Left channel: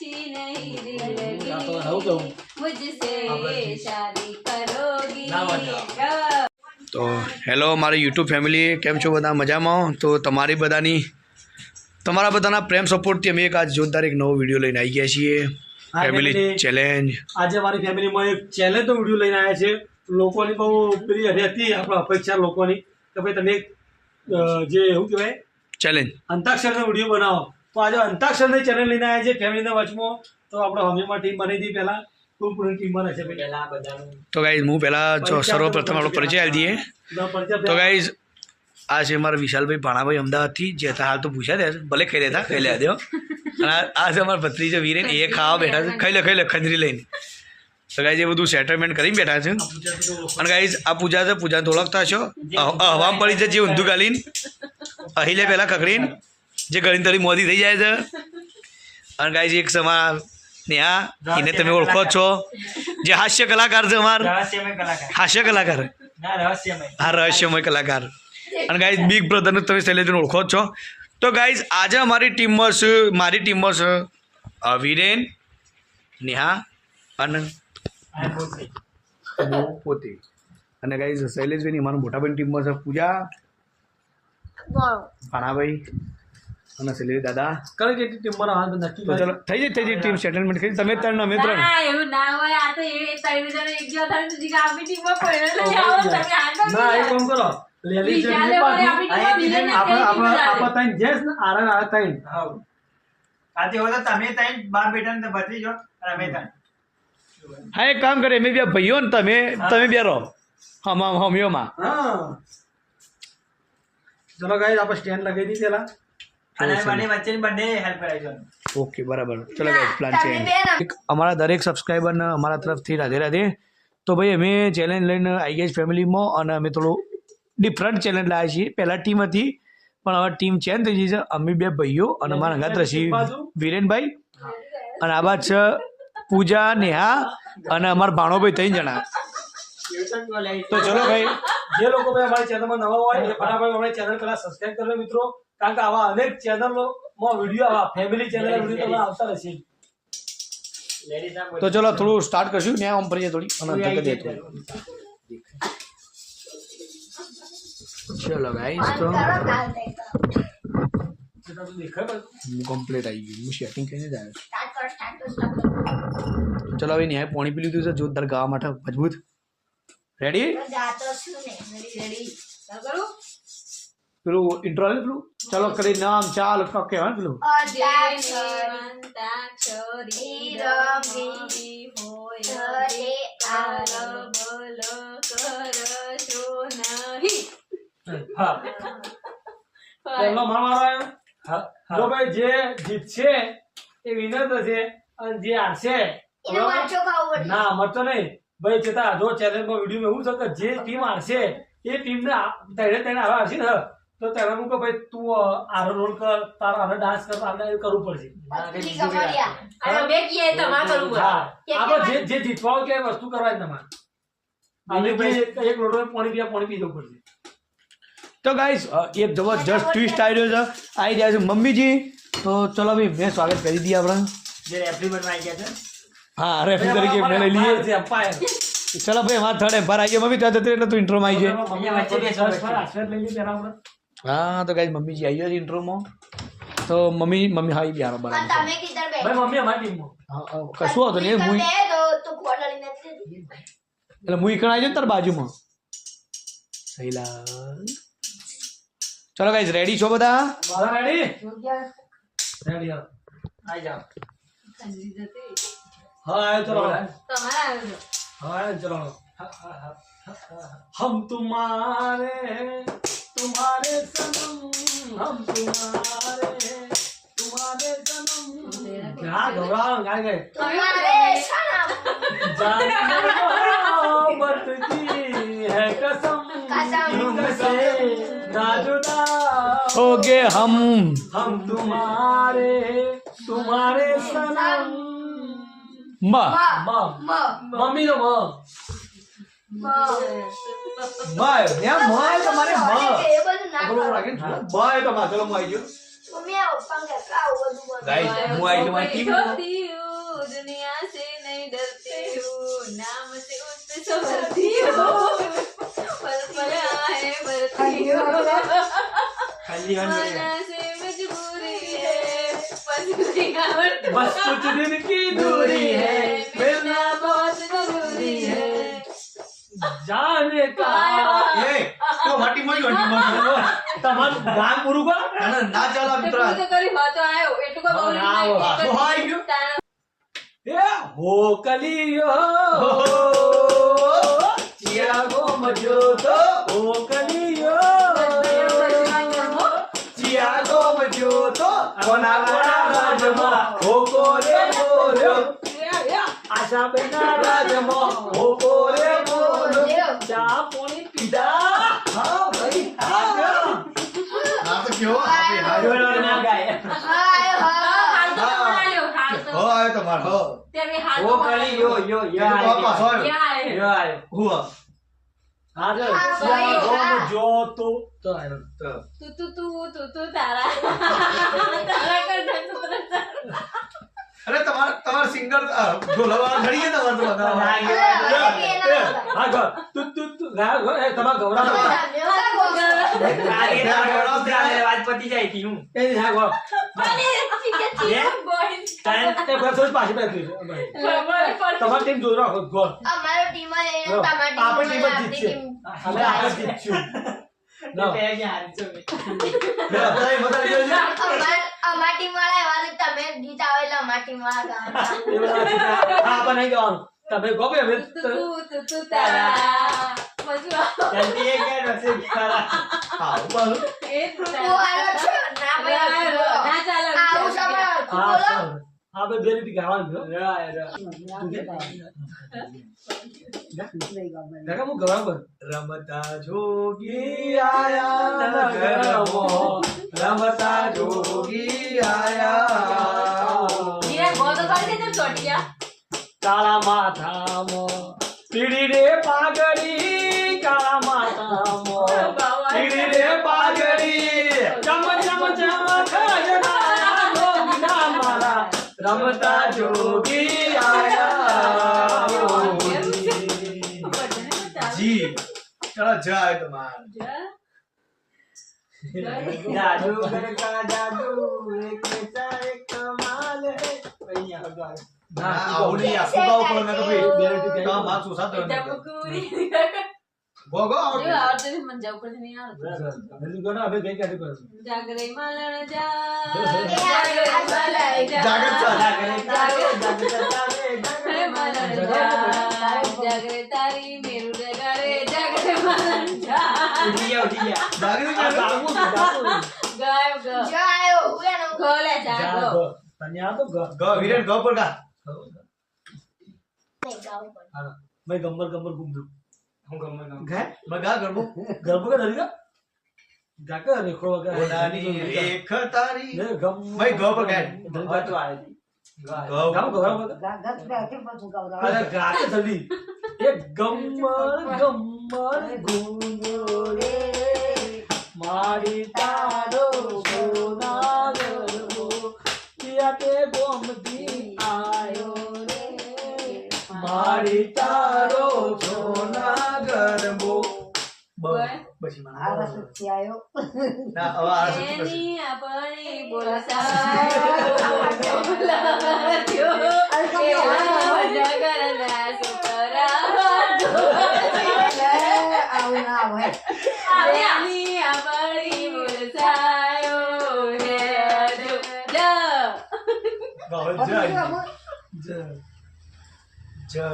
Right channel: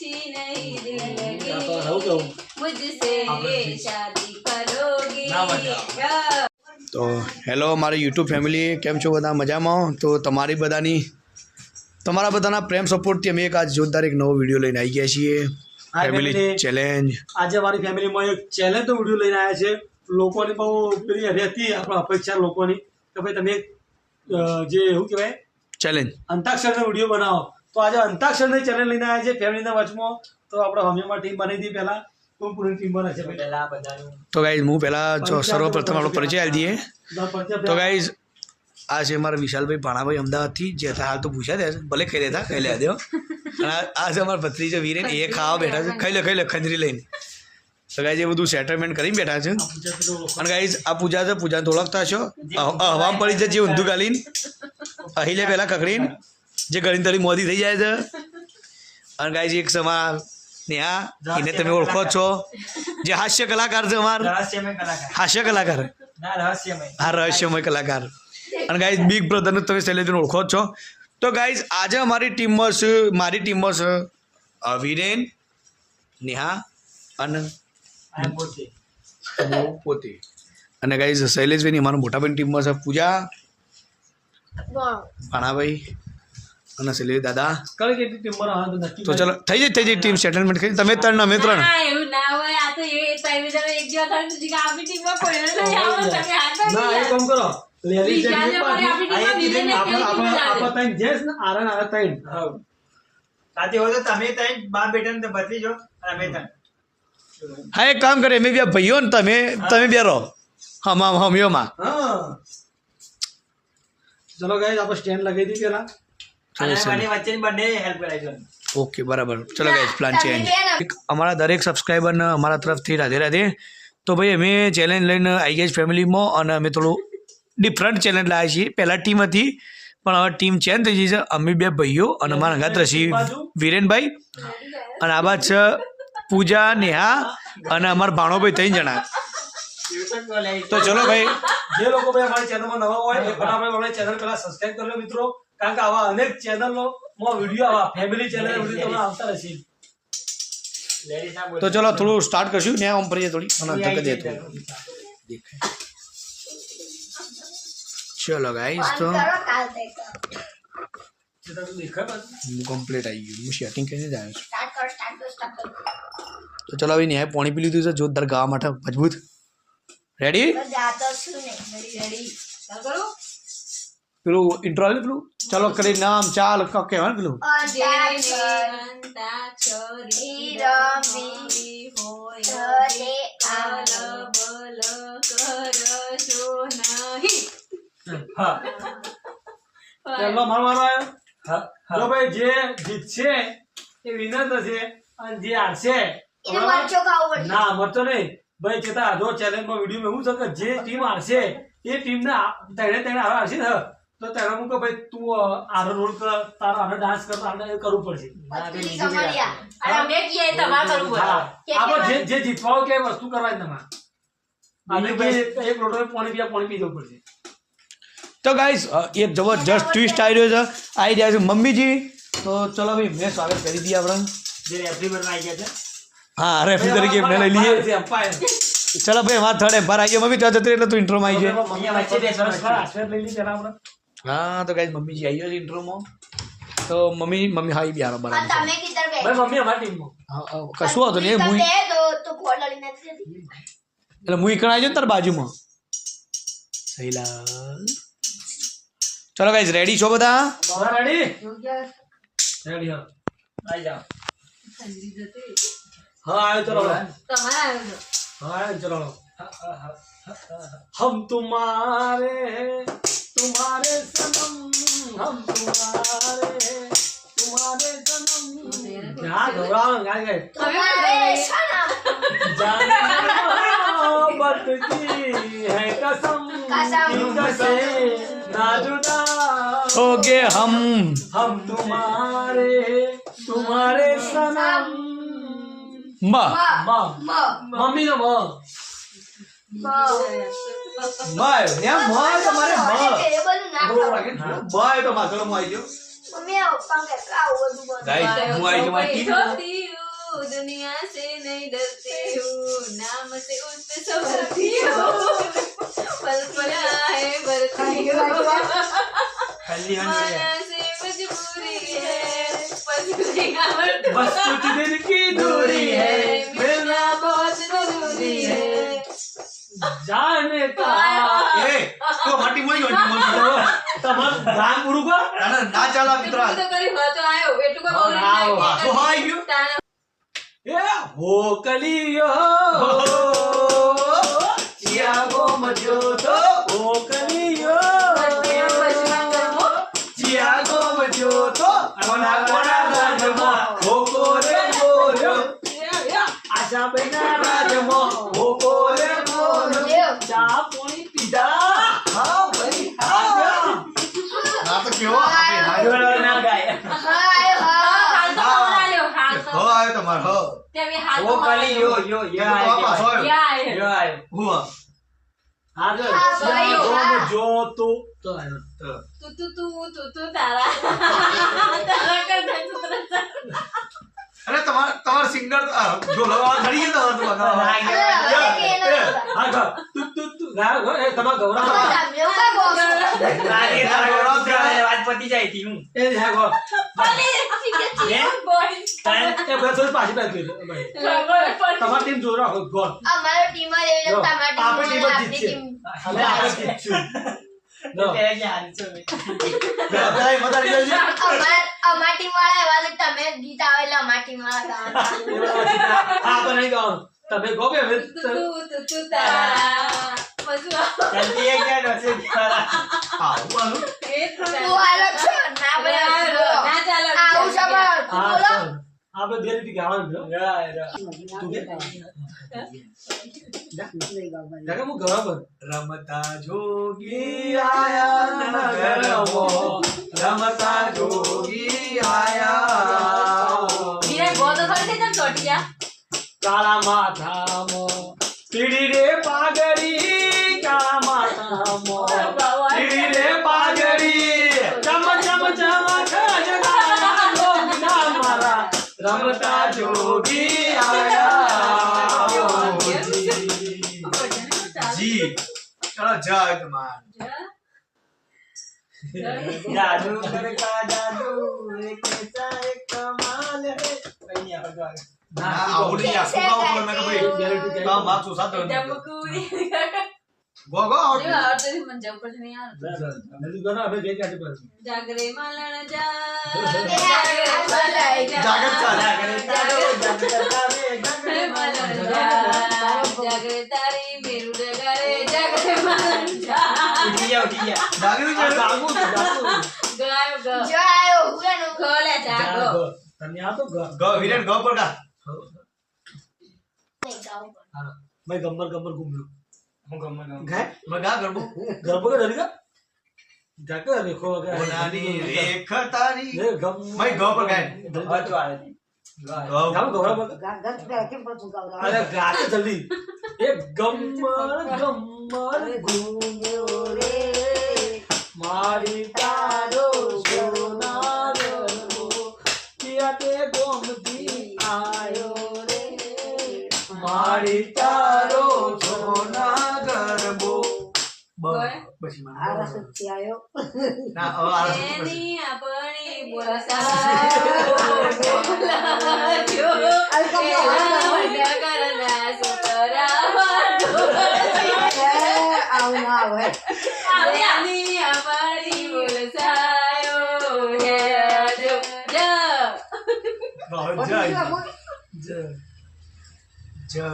नहीं दिल मुझसे शादी करोगी। તો હેલો મારી યુટ્યુબ ફેમિલી, કેમ છો બધા? મજામાં? તો તમારા બધાના પ્રેમ સપોર્ટથી અમે એક આજ જોરદાર એક નવો વિડીયો લઈને આવી ગયા છીએ, ફેમિલી ચેલેન્જ. આજે અમારી ફેમિલીમાં એક ચેલેન્જનો વિડીયો લઈને આવ્યા છે. લોકોની બહુ પેલી હતી આપણે અપેક્ષા લોકોની કે ભાઈ તમે જે એવું કહેવાય ચેલેન્જ અંતાક્ષરનો વિડીયો બનાવો. તો આજે અંતાક્ષરની ચેલેન્જ લઈને આવ્યા છે ફેમિલીના વચમાં. તો આપણે હમીમાં ટીમ બનાવી હતી પહેલાં. કોણ કોની ટીમ બને છે પહેલાં બધાનું? તો ગાઈઝ હું પહેલાં સર્વપ્રથમ આપણો પરિચય આપી દઈએ. તો ગાઈઝ આ છે અમારા વિશાલભાઈ ભાણાભાઈ અમદાવાદથી, જે હતા હાલ તો પૂછ્યા દે ભલે ખાઈ લેતા ખાઈ લે દો. અને આ છે અમારા ભત્રીજો વીરેન, એ ખાવા બેઠા છે, ખાઈ લે ખંજરી લઈને. તો ગાઈઝ એ બધું સેટલમેન્ટ કરીને બેઠા છે. અને ગાઈઝ આ પૂજા છે, પૂજાને તો ઓળખતા છો, હવામાં પડી છે જે ઊંધું ગાલીને અહીં લે પહેલાં કકડીને જે ગળીને તળી મોદી થઈ જાય છે. અને ગાઈઝ એક સમા નેહા, એને તમે ઓળખો છો, જે હાસ્ય કલાકાર છે અમારા, હાસ્ય કલાકાર, હા રહસ્યમય કલાકાર. અને ગાઈઝ બિગ બ્રધરને તમે શૈલેષને ઓળખો જ છો. તો ગાઈઝ આજે મારી ટીમમાં છે વીરેન, નેહા અને પોતે. અને ગાઈઝ શૈલેષભાઈની અમારા મોટાભાઈની ટીમમાં છે પૂજા, ભાણાભાઈ અને શૈલેષ દાદા. કઈ કેટલી ટીમમાં આવે તો નક્કી. તો ચલો થઈ જાય ટીમ સેટલમેન્ટ કરી. તમે ત્રણ અમે ત્રણ. એવું ના હોય, આ તો એ ત્રણ જણ એક જેવા થાય તો જીગા આપણી ટીમમાં કોઈને નહીં આવો તમે આગળ ના એ કામ કરો. લેલી છે બીજાને વળી આપણી ટીમમાં વિલેન આપણે ત્રણ જેસ ને આરણ આવે ત્રણ. હા સાથે હોય તો તમે ત્રણ બાપ બેટા ને ભત્રી જો અને અમે ત્રણ. હા એક કામ કરે, અમે બે ભાઈઓ ને તમે બે રહો હમીઓમાં. હા ચલો ગાઈસ આપણે સ્ટેન્ડ લગાવી દી પેલા. અને બંને વચ્ચેની બંને હેલ્પ કરાવી. ઓકે બરાબર. ચલો ગાઈસ પ્લાન ચેન્જ. અમારા દરેક સબસ્ક્રાઈબરને અમારા તરફથી રાધે રાધે. તો ભાઈ અમે ચેલેન્જ લઈને આવી ગયા ફેમિલીમાં, અને અમે થોડું ડિફરન્ટ ચેલેન્જ લાવ્યા છીએ. પહેલાં ટીમ હતી પણ હવે ટીમ ચેન્જ થઈ ગઈ છે. અમે બે ભાઈઓ અને અમારા અંગાત રસી વિરેનભાઈ, અને આ બાદ છે પૂજા, નેહા અને અમારા ભાણોભાઈ 3 જણા. તો ચલો ભાઈ, જે લોકો ભાઈ અમારી ચેનલમાં નવા હોય એ ફટાફટ અમારી ચેનલ પેલા સબસ્ક્રાઇબ કરી લો મિત્રો, કારણ કે આવા અનેક ચેનલોમાં વિડીયો આવા ફેમિલી ચેનલના વિડીયો તમને આવતા રહેશે. તો ચલો થોડું સ્ટાર્ટ કરશું. ને આમ ફરીએ થોડી અને ધક્કા દે થોડું. ચલો ગાઈસ, તો કમ્પ્લીટ આવી ગયું. હું સેટિંગ કરીને જ આવ્યો છું. તો ચલો હવે ન્યાય પાણી પી લીધું છે જોરદાર ગાવા માટે મજબૂત. રેડી? પેલું ઇન્ટ્રો આવે પેલું ચલો કરી નામ ચાલ કહેવાય ને પેલું. જો ભાઈ જે જીતશે એ વિનર થશે અને જે હારશે ના મરચો નહીં ભાઈ. ચેતા જો ચેલેન્જમાં વિડીયો એવું છે કે જે ટીમ હારશે એ ટીમને તેને હારશે ને તો તેને હું કે ભાઈ તું આરો રોલ કર, તારો આરો ડાન્સ કર, આપણે એ કરવું પડશે. આપણે જે જીતવા હોય કે વસ્તુ કરવાની તમારે. એક લોટો પાણી પી જવું પડશે. તો ગાઈસ એક જબરજસ્ત ટ્વિસ્ટ આવી રહ્યો છે, આવી રહ્યા છે મમ્મીજી. તો ચલો ભાઈ મેં સ્વાગત કરી દઈએ આપણે. જે રેફરી બનવા આવી ગયા છે. હા રેફરી તરીકે મેં લઈ લઈએ. ચલો ભાઈ મારા થર્ડ એમ્પાયર આવી ગયો. મમ્મી તો જતી એટલે તું ઇન્ટ્રોમાં આવી જાય. અહીંયા વચ્ચે બેસવાનું છે. લઈ લઈએ પેલા આપણે. હા તો ગાઈસ મમ્મીજી આવી ગયો છે ઇન્ટ્રોમાં. તો મમ્મી હા આવી બિહારો બરાબર. ભાઈ મમ્મી અમારી ટીમમાં. હા કશું વાંધો નહીં. હું એટલે હું ઈકણ આવી જાઉં તાર બાજુમાં. સહીલાલ. ચલો ગાઈસ રેડી છો બધા? રેડી આવી જાઓ. હા આવ્યો ચલો. તમારા हाँ चलो हम तुम्हारे सनम, हम तुम्हारे सनम. क्या घबराओ गाय गए जाने मोहब्बत की है कसम तुमसे ना जुदा ओके हम तुम्हारे सनम. मम्मी नो તમારે તો માથેલો આવી ગયો. ગાઈસ હું આવી તમારી ટીમ होती हूँ दुनिया से नहीं डरती हूँ नाम से उस पे संभलती हूँ पल पल आए बढ़ती हूँ ખાલી मना से मजबूरी है पर गिरावट बस कुछ दिन की दूरी है मिलना बहुत जरूरी है जाने का એ તો માટી મોઈ તમારું ગાન પૂરું કરો ના ચાલો મિત્રો तो करी बात आयो એટલું કોઈ બહુ હા, હા. તો હાઈ ગયો એ હો કલિયો ચિયાગો મજો તો હો કલિયો ચિયાગો મજો તો કોના કોના રાજમાં હો કોરે બોલ્યો આશા બેના રાજમાં હો કોરે બોલ્યો ચા પાણી પીધા હા ભાઈ હા ના તો કેવો આપણે હાર્યો ના ગાય હો આવ્યો તમાર હો ઓ કલિયો યો યો તો પાછો આવ્યો યો આયો હું આગળ હા, ભાઈ, ચિયાગો હા. મજો તો આવ્યો તો तू तारा तारा कर दे तू અરે તમાર સિંગર ઢોલવા ખડી છે તમાર તો બગાવા તમારા ગૌરવ વાત પતી જાય હતી હું પાછી તમારી ટીમ જોઈ રાખો ગોલ અમારો ટીમ જ એ તમારી આપણે ટીમ જ ટીમ જીતશે હવે આપણે જીતશું અમાર ટીમ વાળા એવા છે તમે ગીત આવે એટલે અમાર ટીમ વાળા ગાવાનું આપણે નહીં ગાવાનું તમે ગો બે હવે तू तारा मजू જલ્દી એ ક્યાં રસે ખરા હા બોલો ए તું આલો છો ના ભાઈ ना चलो આવું સવાલ તું બોલો આપણે બે રીતે ગાવાનું જો તું કે કાકા હું ગૌરવ કર રમતા જોગી આયા નગરમો રમતા જોગી આયા ये बहुत सारे थे तब छोट गया કાળા માથામાં પીડી રે પાઘડી કાળા માથામાં પીડી રે પાઘડી ચમ ચમ ચમ ખરજના લોગના મારા રમતા જોગી આયા જી ચલો જાય તમાર જાદूगर का जादू एक ऐसा एक कमाल है वही यहाँ पर ના આવું નહીં આ સુગાવ પર મેં કે ભાઈ કામ માથું સાતો ગો ગો और तो मन जाओ पर नहीं यार જલ્દી કરો હવે ગઈ કાઢી પર जागरे मालन जा જાગત ચાલે जागरे तारी मेरू रे गरे जागरे मालन जा उठी गया જાગત આ ચાલે ગાવું ગાવું गायो गो જો આયો હું એનું खोले जागो તને આ તો ગો વિરેન ગો પર કા નહીં ગાવું પડે મેં ગમ્બર ગમ્બર ઘૂમ્યું હું ગમ ગાય મગા ગરબો ગરબો કે ડરી જા કે રેખો કે ઓનાની રેખ તારી ને ગમ ભાઈ ગો પર ગાય बात आ रही ગો ગામ ગૌરવ અરે ગા કે જલ્દી એ ગમ્મર ગમ્મર ઘૂમ્યો રે મારી તારો સોના ગરબો કિયા તે ગોમતી આયો રે મારી તારો સોના ગરબો પછી Ah, ના હવે આ એની આપણી બોલતા બોલાજો એવા વડા કરના સુતરા એની આપણી બોલતાયો હે જો જય જય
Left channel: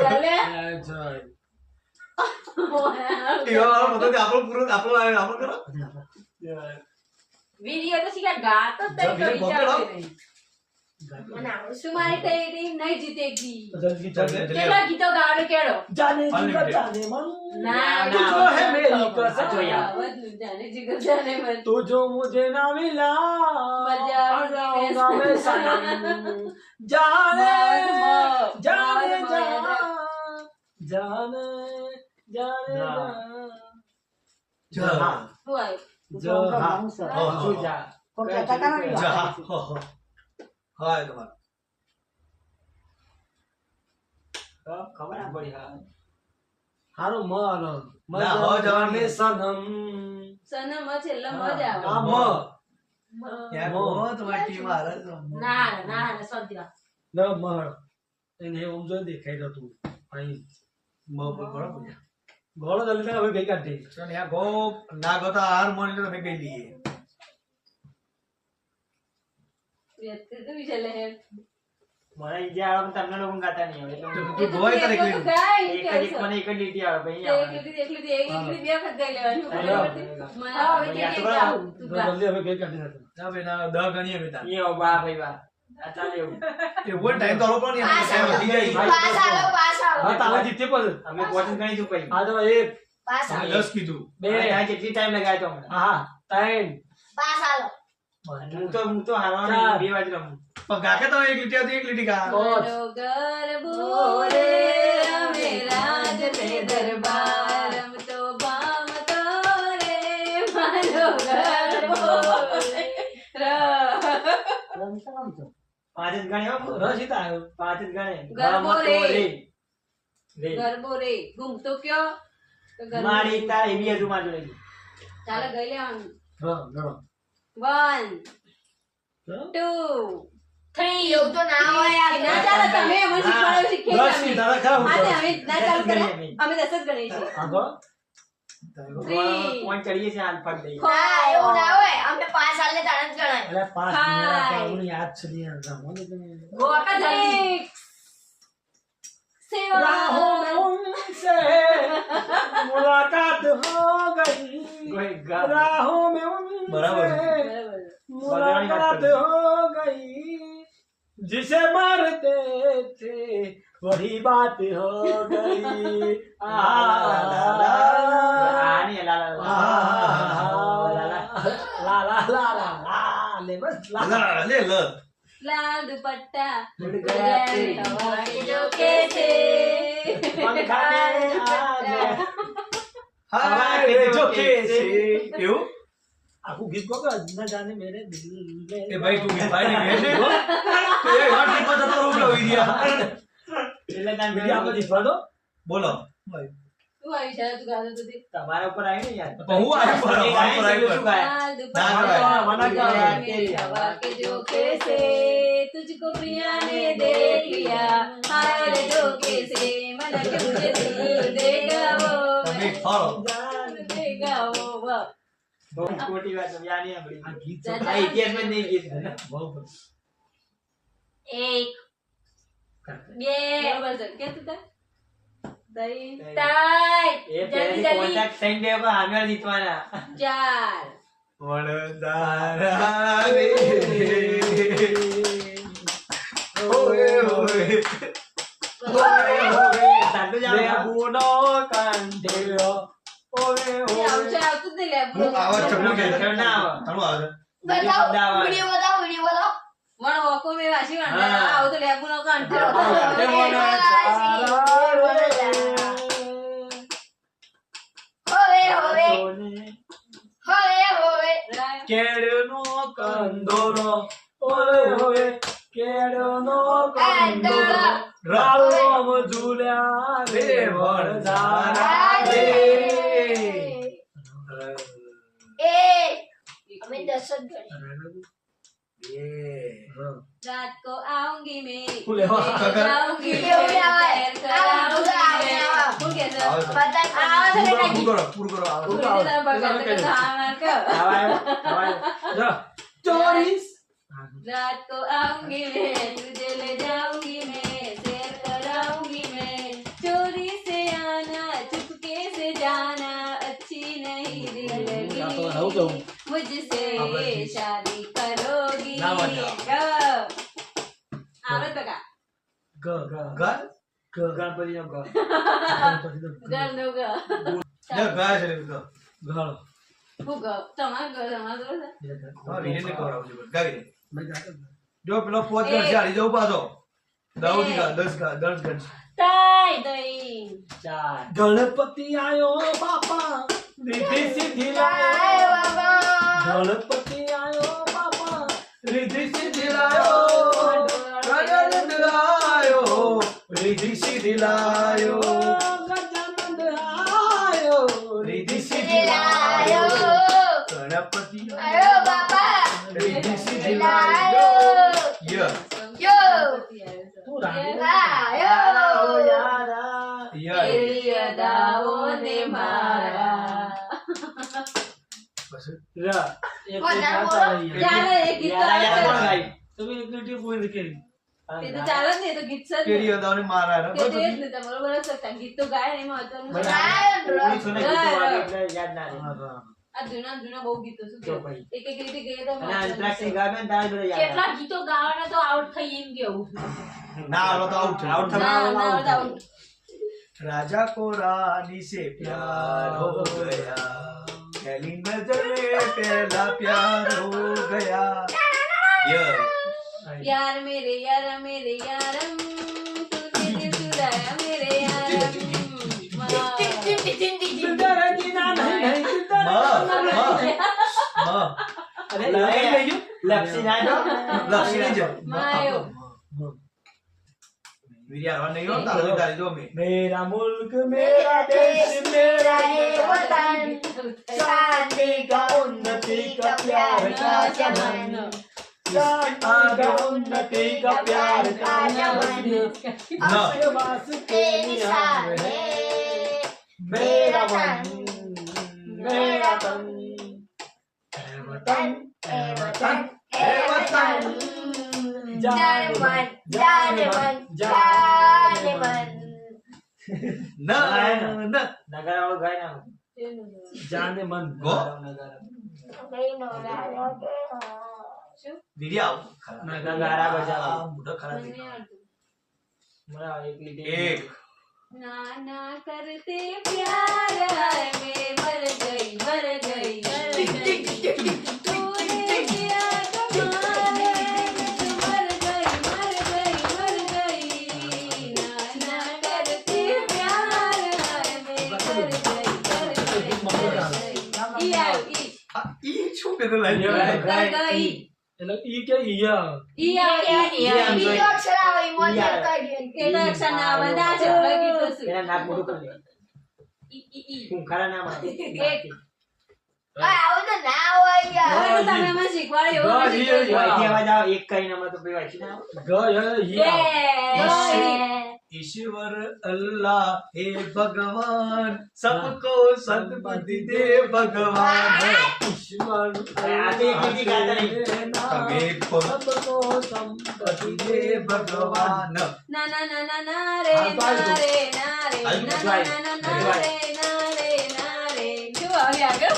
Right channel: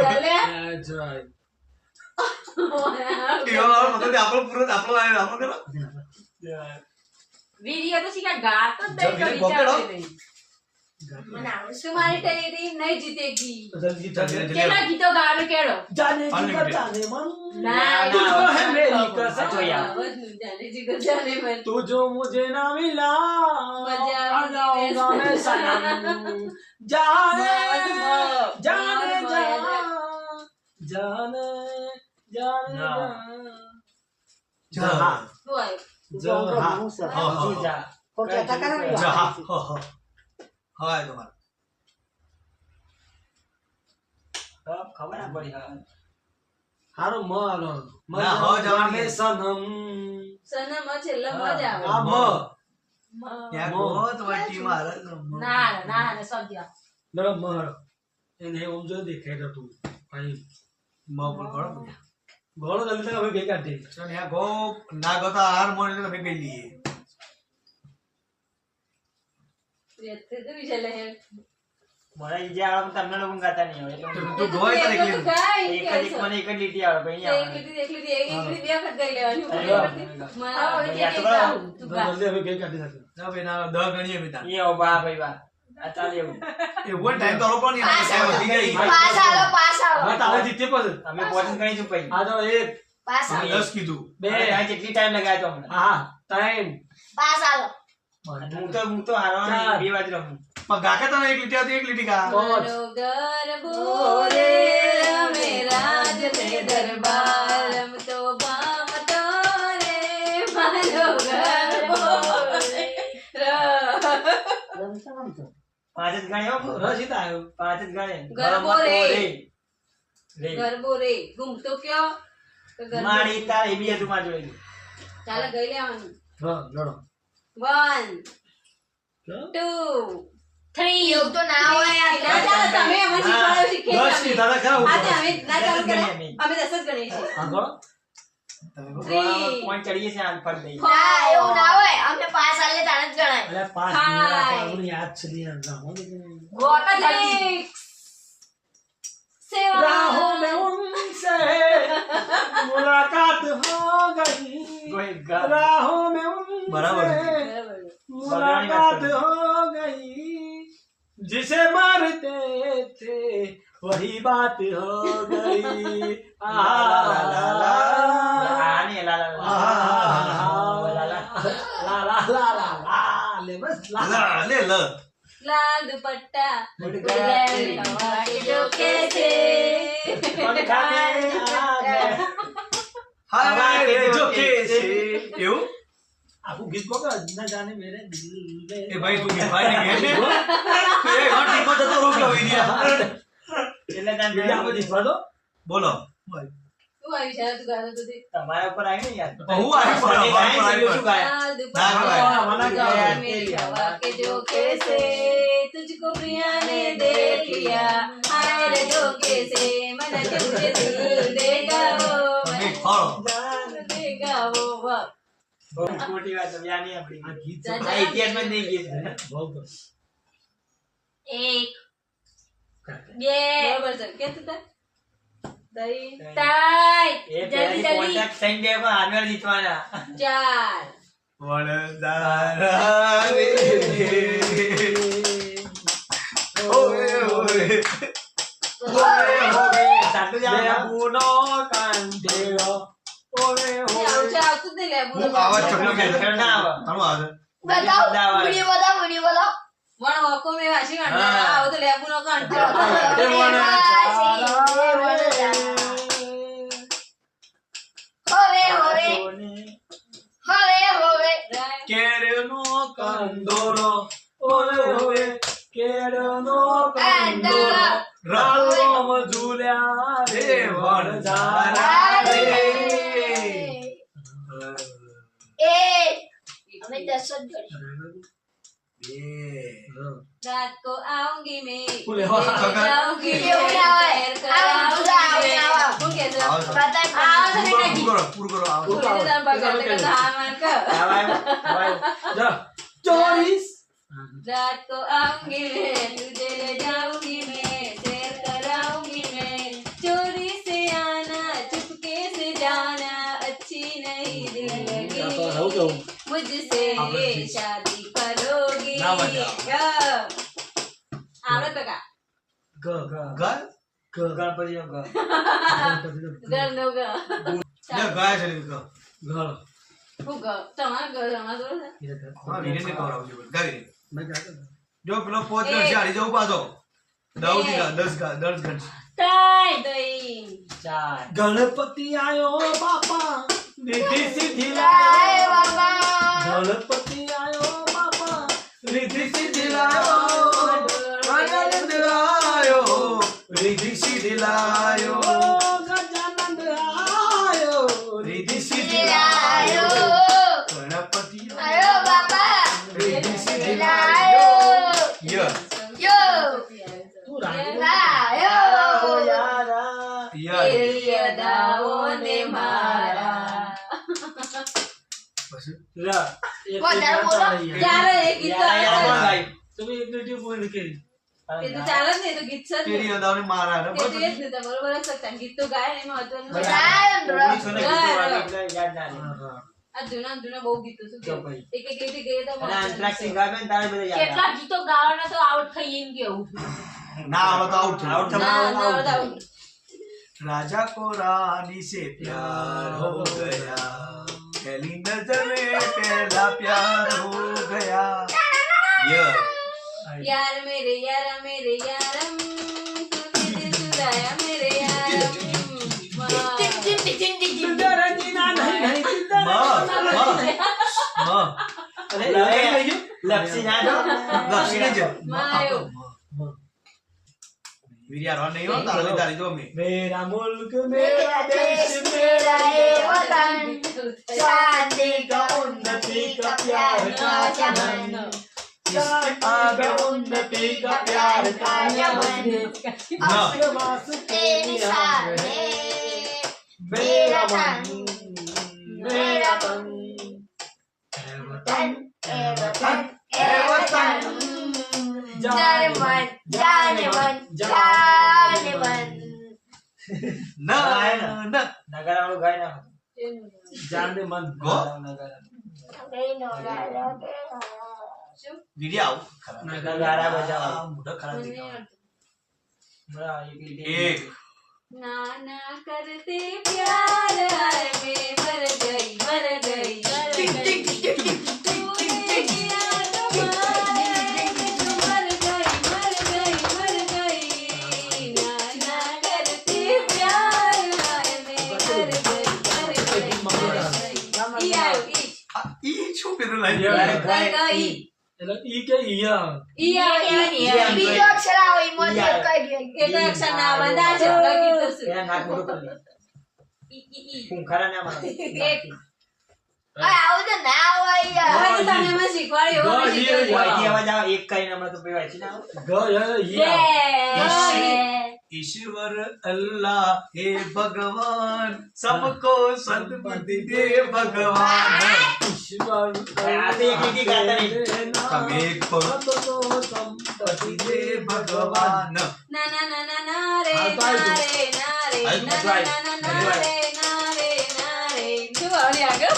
ચાલે જય એવા મતલબ આપણો પૂરો આપણો લાઈન આપણો કરો વિડિયો તો શીખા ગાતો જ જો વિરે ગોકેડો મને આવડે तुम्हारी टेरी नहीं जीतेगी જલ્દી જલ્દી केला गीतो गावे केड़ो જાને જીગર Unlimited. જાને મન ना तुझको है मेरी कसम जाने जिगर जाने मन तू जो मुझे ना मिला मजा आऊंगा मैं सनम जाने जाने जाने जाने જા वो आयो જા હા હા તમારે ખબર ના પડી હા હારું મનો ના, હો જવાની. સનમ સનમ છેલ્લે મજા આવે આ મ ત્યાં ગો તમારી ટીમ હારે છે. ના ના ના સદ્ય ન મળ એને ઓમ જો દેખાઈ રહ્યો તું ભાઈ મ પર ગળો પૂજા ગોળો જલ્દી હવે ગઈ કાઢી ચાલ યા ગો ના ગો તો હાર મોની તો તમે કઈ લઈએ વ્યક્તિ તો વિચારે હે મને ઈજે આવે પણ તમને લોકો ગાતા નહીં આવે એટલે તું ગોય તારે એકલી એક જ મને એક જ લીટી આવે પછી એક લીટી બે વખત ગઈ લેવાની જલ્દી હવે ગઈ કાઢી નાખો ના ભાઈ ના 10 ગણીએ બેટા એ ઓ બા ભાઈ બા આ ચાલે એવું એવો ટાઈમ તો લોકો નહીં ટાઈમ વધી જાય પાસ આલો હા તારે જીતે પછી અમે પહોંચી ગઈ છું પછી આ તો એક પાસ અમે આલો 10 કીધું બે આ જેટલી ટાઈમ લગાવ્યો તો હમણાં હા ત્રણ પાસ આલો હું તો હારવાનો 2 વાજ રમું પણ કાકા તમે એક લીટી આવતી એક લીટી કા મારો ગરબો રે અમે રાજ તે દરબાર રમતો ભામતો રે મારો ગરબો રે પાંચ જ ગણે હો રસીદ આવ્યો પાંચ જ ગણે ગરબો ગરમતો રે. રે ગરબો રે ઘૂમતો કયો તો ગરબો મારી તારે એ બી હજુ માં જોડે ચાલો ગઈ લેવાનું હા લડો 1 2 3 એવું તો ના હોય યાર. ના ચાલો તમે અમને શીખવાડો શીખે દસ ની તારા ખા હું હા તે અમે ના ચાલુ કરે નહીં. અમે 10 જ ગણીએ છીએ હા ગો પોઈન્ટ ચડીએ છે હાલ ફટ દઈએ ના એવું ના હોય અમને પાસ આલે તાણે જ ગણાય અરે પાંચ હાય. મિનિટ આપણને યાદ છે ને રામો ને ગોપા राहों में उनसे मुलाकात हो गई કોઈ ગા राहों में उनसे बराबर है। मुलाकात हो गई जिसे मारते थे वही बात हो गई આ નહીં લા લા લા ला ला ला ला ला ले बस ला લે લ लाल दुपट्टा उड़ उड़ गया गया तेरी हवा के झोंके से पंखा में आ गए હાય જો કે છે એવું आपको गीत को का न जाने मेरे दिल में એ ભાઈ તું ગીત ભાઈ ને કહે છે હો એ ઘર ટીપો જતો રોક લો વિડિયા એટલે તાન मीडिया को दिखा दो બોલો तू आई शायद तू गाता तो देख તમારા ઉપર આવી ને યાર હું આવી પર શું ગાય लाल ना दुपट्टा गवाए। उड़ गया मेरी हवा के झोंके से तुझको प्रिया ने देख लिया हाय रे झोंके से मन के तुझे दिल देगा તમે वो ખોળો देगा वो वाह બહુ ખોટી વાત છે યાર નહીં આપણી आ गीत जा, આ ઇતિહાસમાં જ નહીં ગીત बहुत એક બે बराबर चल क्या तू था दही ત્રણ એ જલ્દી પહેલાથી જલ્દી કોન્ટેક્ટ થઈ ગયા પણ આમે જીતવાના 4 વણદારા રે ઓએ ઓએ સાટુ જાવ લેબુનો કાંઠેલો ઓરે ये ઓરે આવતું જ નહીં લે હું આવાજ ચકલો કે ના આવે. ઘણું આવે બતાવો અમદાવાદ. વિડિયો બતાવો વિડિયો બતાવો વણ વકો મે વાસી હા. કાંઠા આવ તો લેબુ નો કાંઠો હવે હવે હવે હવે કેળનો કંદોરો ઓરે ઓરે કેળનો કાંઠેલો ર રામ ઝૂલ્યા રે રે વણદારા રે એ અમે 10 જ ગણી रात को आऊंगी मैं फूले हो, लेके जाऊंगी ये हो गया है। सैर कराऊंगी आऊंगा, मैं। आऊंगा। હું કહેતો? આવો. બતા આવો તો પૂરો કાકી. પૂરો પૂરો કરો આવો પૂરી રીતે બગાડ કે તો હા માર કર. જા ચોરીસ रात को आऊंगी मैं तुझे ले जाऊंगी मैं सैर कराऊंगी मैं चोरी से आना चुपके से जाना अच्छी नहीं दिल તો રહું તો लगी मुझसे शादी करोगी ના વાંધો. આવડે બકા ગ ગ ઘર ગ ગણપતિનો ગ ઘર નો ઘર લે ગયા છે લે ઘર ઘર હું ઘર તમારા ઘર તમારા ઘર છે? હા વિરેન ને કરાવજો ગાવી મેં જાતો જો પેલો 5 ગણ છે હારી જવું પાછો 10 ગણ 10 ગણ તાઈ દઈ 4 ગણપતિ આયો બાપા મીઠી સીધી આય બાબા ગણપતિ આયો બાપા રીધિ સીધી લાયો ગજાનંદ આયો રીધિ સીધી લાયો ગજાનંદ આયો રીધિ સીધી લાયો ગણપતિ આયો બાપા રીધિ સીધી લાયો ય યો તું રાણી લાયો ય યદાઓને મારા બસ રા એક વધારે બોલો. ચાલો એ ગીત તો આવે છે. તમે એક લીટી બોલી કે એ તો ચાલે જ ને, એ તો ગીત છે જ ને. તેરી અદાવને મારા એ તો એ જ ને, તમારું બરાબર છે. ગીત તો ગાય ને એમાં મહત્વનું છે. આ જૂના બહુ ગીતો શું કેવું? એક એક રીતે ગઈએ તો કેટલા ગીતો ગાવાના તો આઉટ થઈ એમ કેવું ના આવડે તો આઉટ Out થયો. ના, ના, આવડે. राजा को रानी से प्यार हो गया पहली नजर में पहला प्यार हो गया यार मेरे यारम तूने दिल चुराया मेरे यारम मायो नहीं होता तारी दो में मेरा मुल्क मेरा देश मेरा ये वतन शांति का उन्नति का प्यार का चमन आगे उन्नति का प्यार का चमन आशीर्वाद के निशान है मेरा मन मेरा तन वतन ए वतन ए वतन जाने मन जाने मन जाने मन न न નગારા વાળું ગાય ના जाने मन गो કઈ નો ગાલો કે શું? दीदी आओ નગારા બજાવો मोटा खरा મને दिखा બરાબર એક લીટી एक ना ना करते प्यार हाय मैं मर गई तूने किया कमाल है मैं तो मर गई ना ना करते प्यार हाय मैं मर गई ई आयो ई छू पे तो लाइन गई એટલે ઈ કે ઈયા ई आयो બીજો અક્ષર આવે ઈમાં જે કઈ ગયું એ તો અક્ષર ના બંધા છે લગી તો શું એના નાક મોટું કરી લે ઈ ખૂંખારા ના મારે એક આવું તો ના હોય યાર હવે તો તમે મને શીખવાડ્યું એવું ગઈ, નહીં શીખવાડ્યું. વાંચી અવાજ આવે એક કરીને હમણાં તો પછી વાંચી ના આવે. ગ ઈયા ईश्वर अल्लाह हे भगवान सबको सद्बुद्धि दे भगवान ઈશ્વર આ તો એક લીટી ગાતા નહીં. તમે सबको संपत्ति दे भगवान ના ના ના ના ના રે ના રે ના રે ના ના ના ના ના રે ના રે ના રે શું આવલી આગળ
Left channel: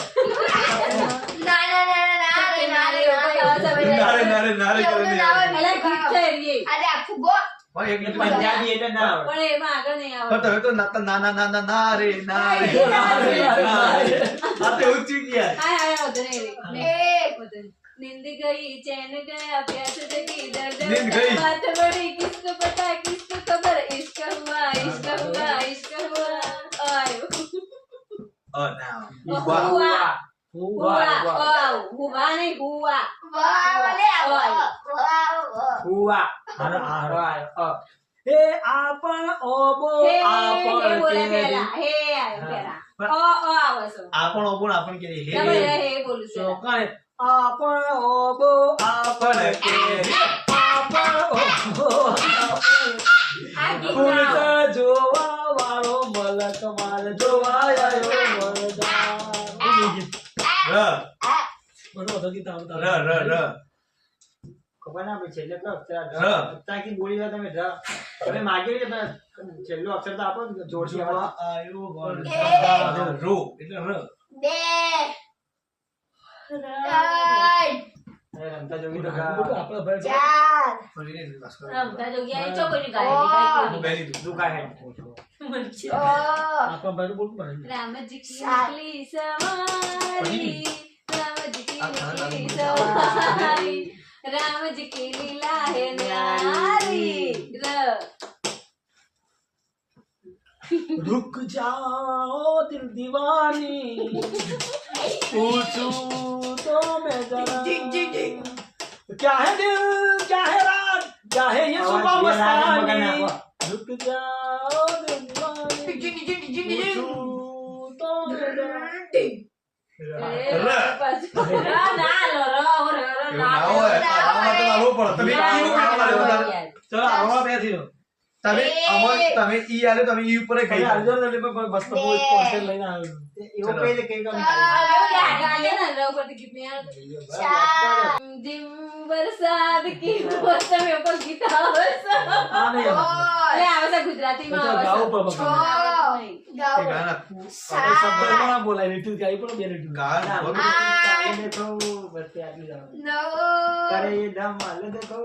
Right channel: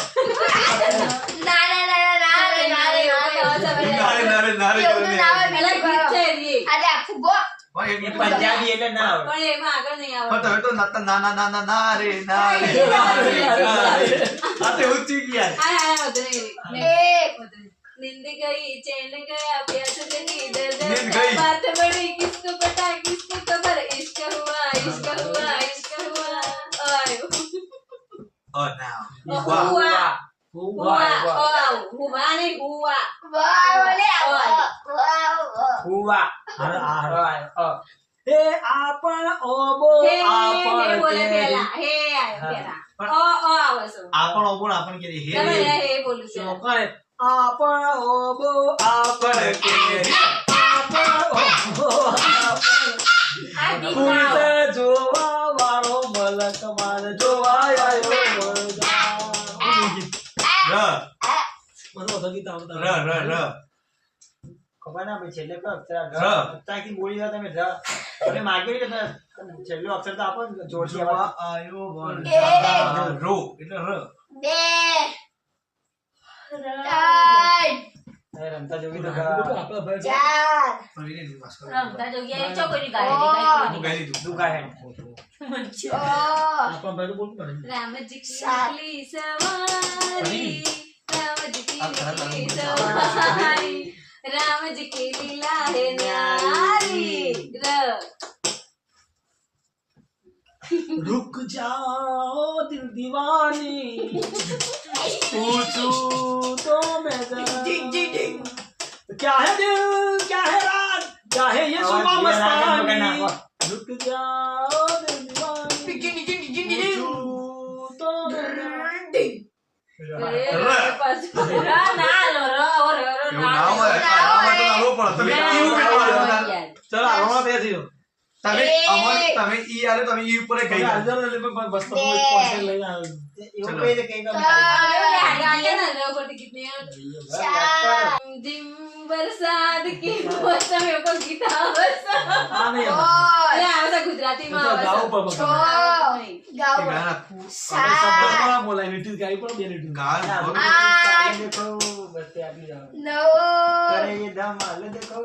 ના ના ના ના ના રે ના રે નારે નારે નારે એવું ના હોય પેલા ગીત છે એ આજે આખું ગો પણ એક મિનિટ પંજાબી એટલે ના આવડે. પણ એમાં આગળ નહીં પણ આવે તમે તો નાતા નાના નાના નારે નારે આ તો ઊંચી ગયા હાય હાય વધુ નહીં એક नींद गई चैन गया प्यास जगी दर्द नींद गई। बात बड़ी किसको पता किसको खबर इश्क हुआ आयो oh now हुआ હુવા हुआ नहीं हुआ વાહ વાલે વાહ હુવા હર હર આયો. એ આપણ ઓબો हे આપણ बोले કેરી. पहला हे आयो पहला ओ आवे सो आपण ओपण आपण केली हे તમે हे बोलू छे ચોકાણે આપણ ઓબો આપણ आपण केली આપણ ઓબો આ ગીત ફૂલ ના તે જોવા વાળો મલક માર જોવા આવ્યો મોરજા र મને ઓછો ગીત આવડતા र र र ખબર ના ભાઈ છેલ્લે કયો અક્ષર ર. ત્યાંથી બોલી જાઓ તમે ર. તમે માગી હોય તો છેલ્લો અક્ષર તો આપો ને જોડથી જોવા અવાજ. આયો એ. વરસાદ રો એટલે ર બે ત્રણ હવે રમતા જોગી તો આપણા ભાઈ ચાર ફરીને વિશ્વાસ કરો રમતા જોગ્યા ચો કોઈની ગાય ઓહ. હું ગઈ લીધું દુખા હે છ આપણા ભાઈ બોલતું પડે राम जी की सात। निकली सवारी राम जी की अब कहाँ निकली जाना है? सवारी राम जी की लीला है न्यारी र रुक जाओ दिल दीवानी पूछूं तो मैं जरा क्या है दिल क्या है रात क्या है ये सुबह मस्तानी रुक जाओ रे दीवानी पूछूं तो मैं जरा એવું ના હોય આવા માટે લાવવો પડે તમે કેવું કરવા चलो हमारा पैसे दो તમે અમોને તમે ઈ આલે તમે ઈ ઉપર ગઈ अर्जुन ने लेके बस तो वो पॉइंट लेना है એવું કહી દે કે કમ जिम बरसात की मौसम में को गीता बरसा हां नहीं अरे आवसा गुजराती में गाओ पर आवसा ગાઓ ગાના बड़ा बोला लिटिल गाई पर બે लिटिल ગાન ચાલે દેખો બસ તે આટલું જાવ નો કરે એ ધમાલ દેખો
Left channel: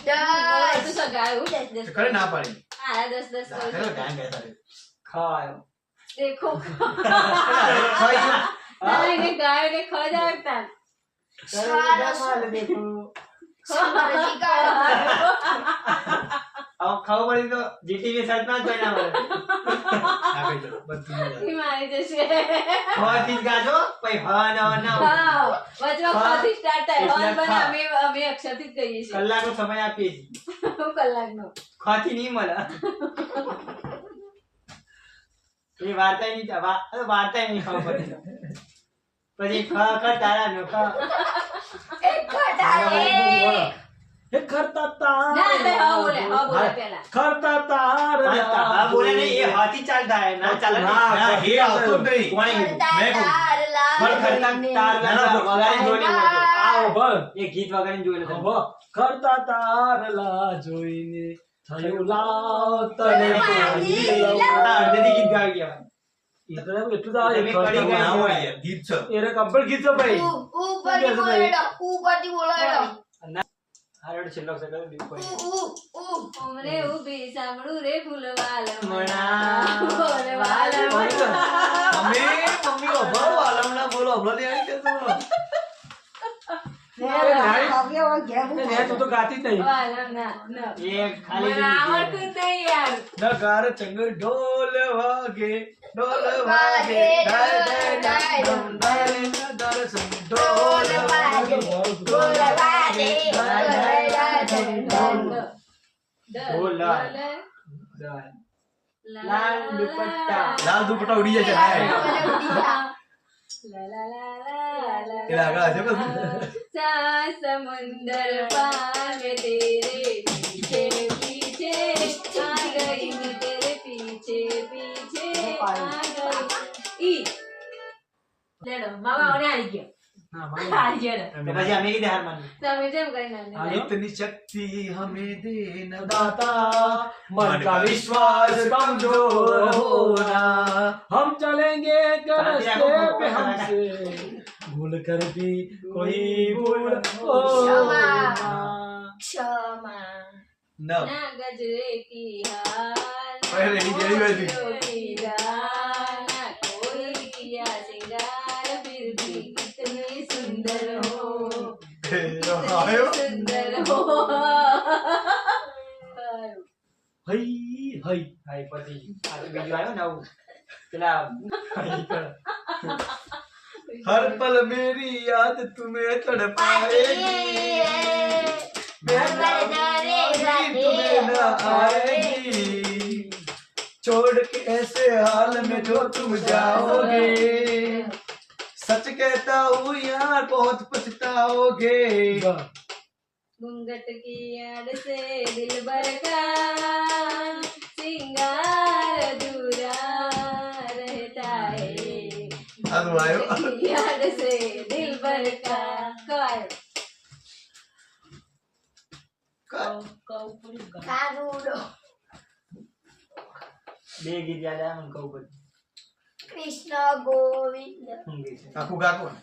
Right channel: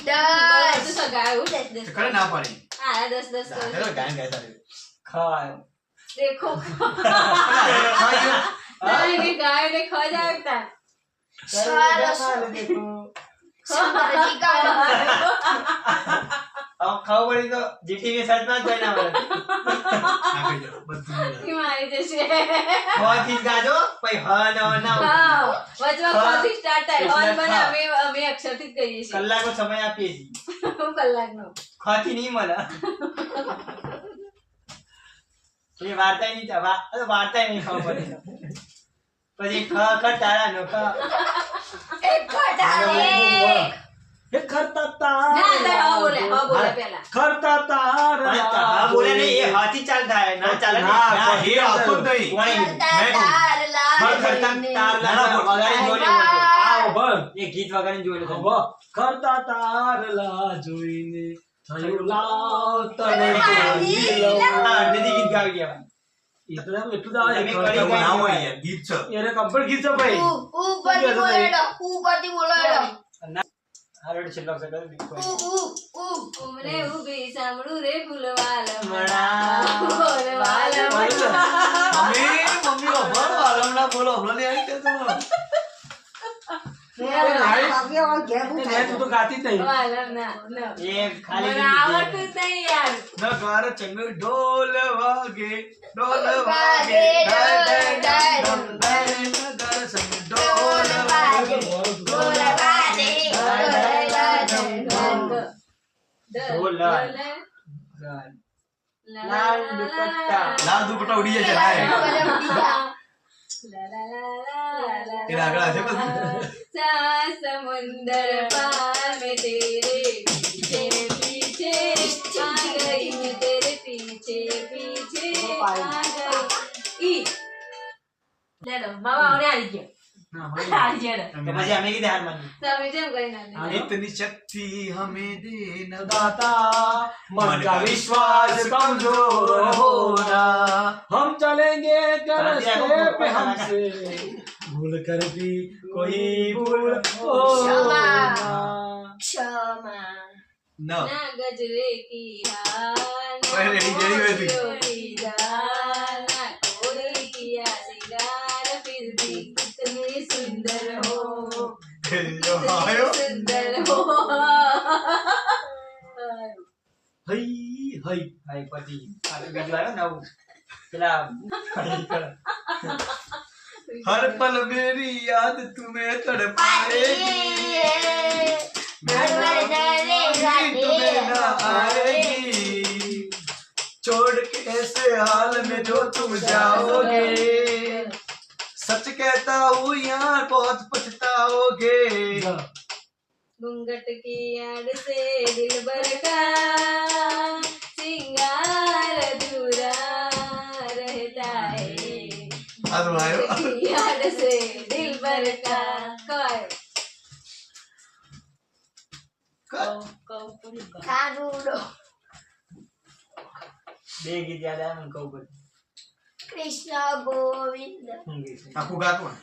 तो 10 सगाऊ 10 કરે ના પાડી 10 ગાને ગાય ગાય તારે ખાય देखो ખાઈ नहीं गाय ने खा जाता કરે એ ધમાલ દેખો સમરજી કા अब खाओ पड़ी तो जीटी के साथ ना कोई ना बोले ના કહી દો બધું हिमालय जैसे बहुत चीज गाजो भाई हाँ ना ना हाँ वचवा खाती स्टार्ट है इसमें और बने खा। हमें अक्षरથી કહીએ છીએ कलाक को समय आपी હું કલાકનો खाती नहीं मला ये वार्ता ही नहीं था वार्ता ही नहीं खाओ पड़ी પછી ખ ખ તારા નો ખ એક ખટારે हे खरता तार ના તો હા બોલે પહેલા खरता तार हाँ बोले नहीं ये हाथी चलता है ना चला हाँ, ના એ આવતો જ નહીં कोई मैं कहूं। તાર खर खरता तार ना, ना, बोल। वगाड़ी जोड़े आओ बल ये गीत वगाड़ी जोड़े अब खरता तार ला જોઈને થયું લાવ તને પાણી हाँ दीदी गीत गा गया એટલું જ આવે તમે કરી એવું ગયા. ના હોય યાર ગીત છે એને કમ્પ્લીટ ગીત છે ભાઈ ઉપરથી બોલો એડો ઉપરથી બોલો એડો હારોડ છેલ્લો છે કરી દીધો ઉમરે ઉભી સાંભળું રે ફૂલવાલા મણા. ફૂલવાલા મણા. અમે મમ્મી બાબા વાલમના બોલો હમણાં લે આવી કે તું તો ગાતી જ નહીં વાલમ ના ના. ये खाली મને આવડતું જ નહીં યાર નગાર ચંગર ઢોલ વાગે વાગે, ડાય ડાય ડાય ડમ ડાય નગાર ચંગર ઢોલ વાગે બોલ વાગે ઢોલા. લાલ દુપટ્ટા. લાલ દુપટ્ટા ઉડી જાય છે હાય એના આગળ આજે પછી समुंदर पार में तेरे पीछे पीछे आ गई मैं तेरे पीछे पीछे आ गई ई ले लो मामा ओने आ गया ના મારી आ गया तो પછી અમે કીધે હાર માની તમે જેમ કરી નાખી इतनी शक्ति हमें दे न दाता मन का विश्वास कमजोर होना हम चलेंगे कर रस्ते पे हमसे भूल कर भी कोई भूल हो क्षमा। ना। ક્ષમા न ना गजरे की हार ओए, रेडी, रेडी हुए थे। ना कोई किया सिंगार फिर भी कितने सुंदर हो आयो सुंदर हो હઈ હઈ હાય પછી આ બીજું આવ્યો નવું પેલા हर पल मेरी याद तुम्हें तड़पाएगी तुम्हें न आएगी छोड़ के ऐसे हाल में जो तुम जाओगे सच कहता हूँ यार बहुत पछताओगे घूंघट की आड़ से दिल भर का सिंगार अधूरा रहता है ಅದು ಆಯೋ की आड़ से दिल भर का काय કાનુડો બે ગીત યાદ આવ્યા મને કહું બધું કૃષ્ણ ગોવિંદ હું ગીત છે? આખું ગાતું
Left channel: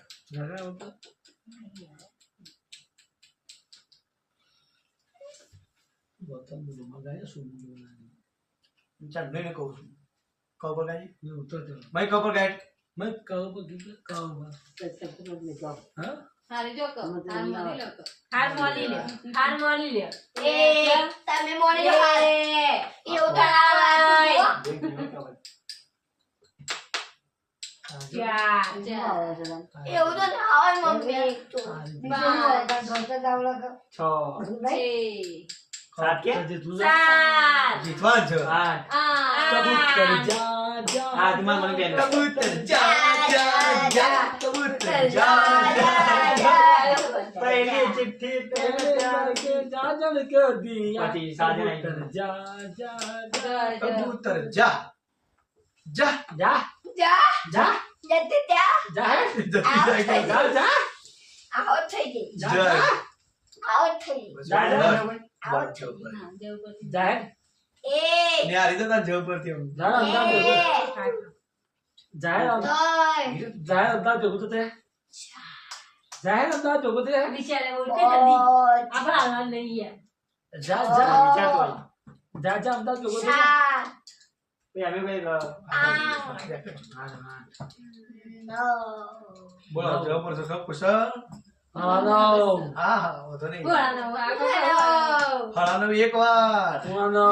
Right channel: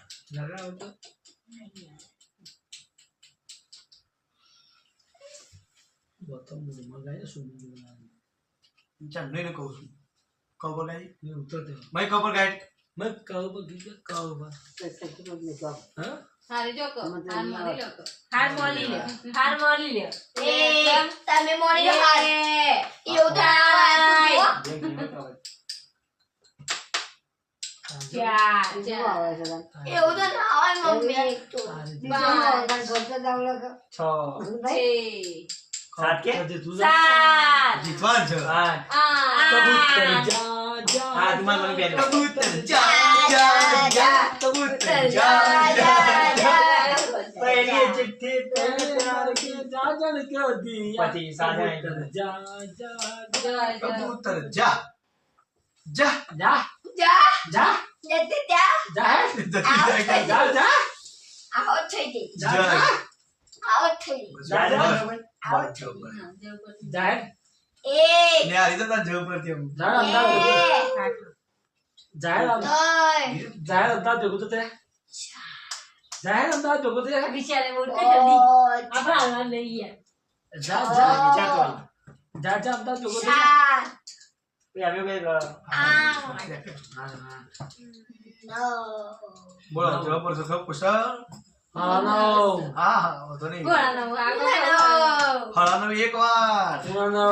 ગૌતમ બુદ્ધમાં ગાય શું ચાલ નહીં કહું છું કહું પર ગાય ઉત્તર દે મેં કહું પર ગાય મેં કહું પર ગીત કહું પર હા હારી જો કો હાર મોની લો કો હાર મોની લે એ તમે મોની લો હારે એવું તો ના આવડતું હો. બે ગીત ખબર. ચાર એવું તો ના હોય મમ્મી. છ સાત કે સાત જીતવા જ આઠ કબૂતર હા તમારા મને બેન કબૂતર જા કબૂતર જા પહેલી ચિઠ્ઠી પહેલે પ્યાર કે જાજન કે દિયા પછી સાજા કબૂતર જા જા જા જા જા જતી ત્યાં જા જા જા આવો થઈ ગઈ. જય આવો થઈ ગઈ. જા એ ને આ રીતે તાર જવ પરથી આવું. જા એ જા જા અમદાવાદ જોગું તો તે જાહેર અમદાવાદ જોગું તે બિચારે ઓળખે જલ્દી આપણે હાલવા નહીં યાર જા જા અમદાવાદ જોગું તે સાત અમે ભાઈ બોલો જવ પર તો ખબ કુશળ હાલો હા હા વધો નહીં બોલાનો આગળ ફળાનો એક વાર હાલો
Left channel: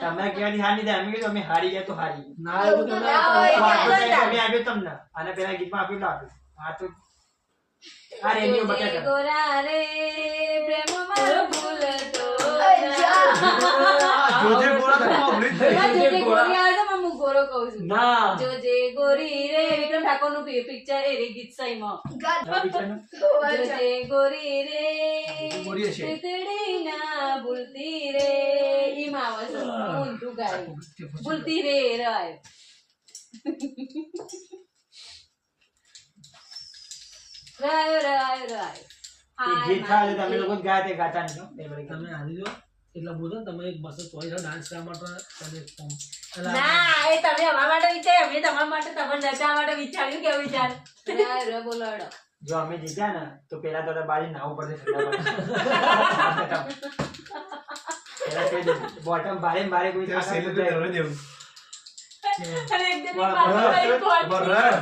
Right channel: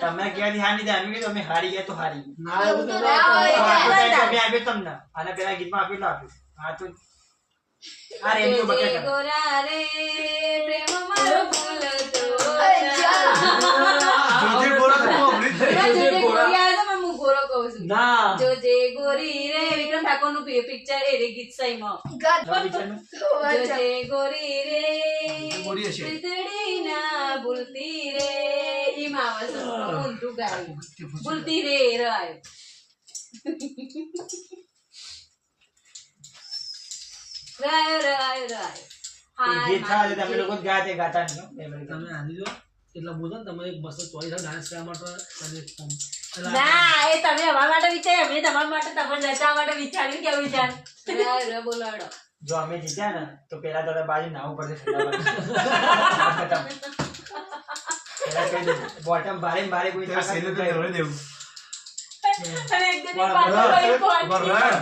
તમે કહેવાથી હારી દે અમે કીધું અમે હારી ગયા તો હારી ના એવું તો ના ના હોય. તો આટલું time તો અમે આપ્યો તમને આના પહેલા ગીતમાં આપ્યું એટલે આપ્યું આ તો આ રેડિયો જોજે બતાવ્યા ગોરા રે પ્રેમ મારો ભૂલ તો જોજે ગોરા તો અમૃત થઈ જોજે ગોરી આવે છે પણ હું ગોરો કહું છું ના જોજે ગોરી રે વિક્રમ ઠાકોર નું પિક્ચર એ રે ગીત સહીમાં જોજે ગોરી રે ગોરી છે. વીજળી ના ભૂલતી રે ઈ માવસ ઊંધું ગાયું ભૂલતી રે રવાય રાયો રાયો રાયો એ ગીત થાય તો અમે લોકો જ ગાયા તે ગાતા નહીં હો. એ બધી તમે હારી જો એટલે બોલો ને તમે એક મસ્ત ચોઈસ ડાન્સ કરવા માટે તમે એક ફોર્મ ના એ તમે અમારા માટે વિચાર અમે તમારા માટે તમને નચાવવા માટે વિચાર્યું કેવું વિચાર રાયો રે બોલાડો જો અમે જીત્યા ને તો પેલા તો બાજુ નાવું પડશે ઠંડા પાણી. પેલા કહી દઉં, બોટમ ભારે ને ભારે કોઈ ત્યાં સેલે તો રહેવા દેવું અને એક જણની બરાબર. પાછળ વળી કોણ? બરાબર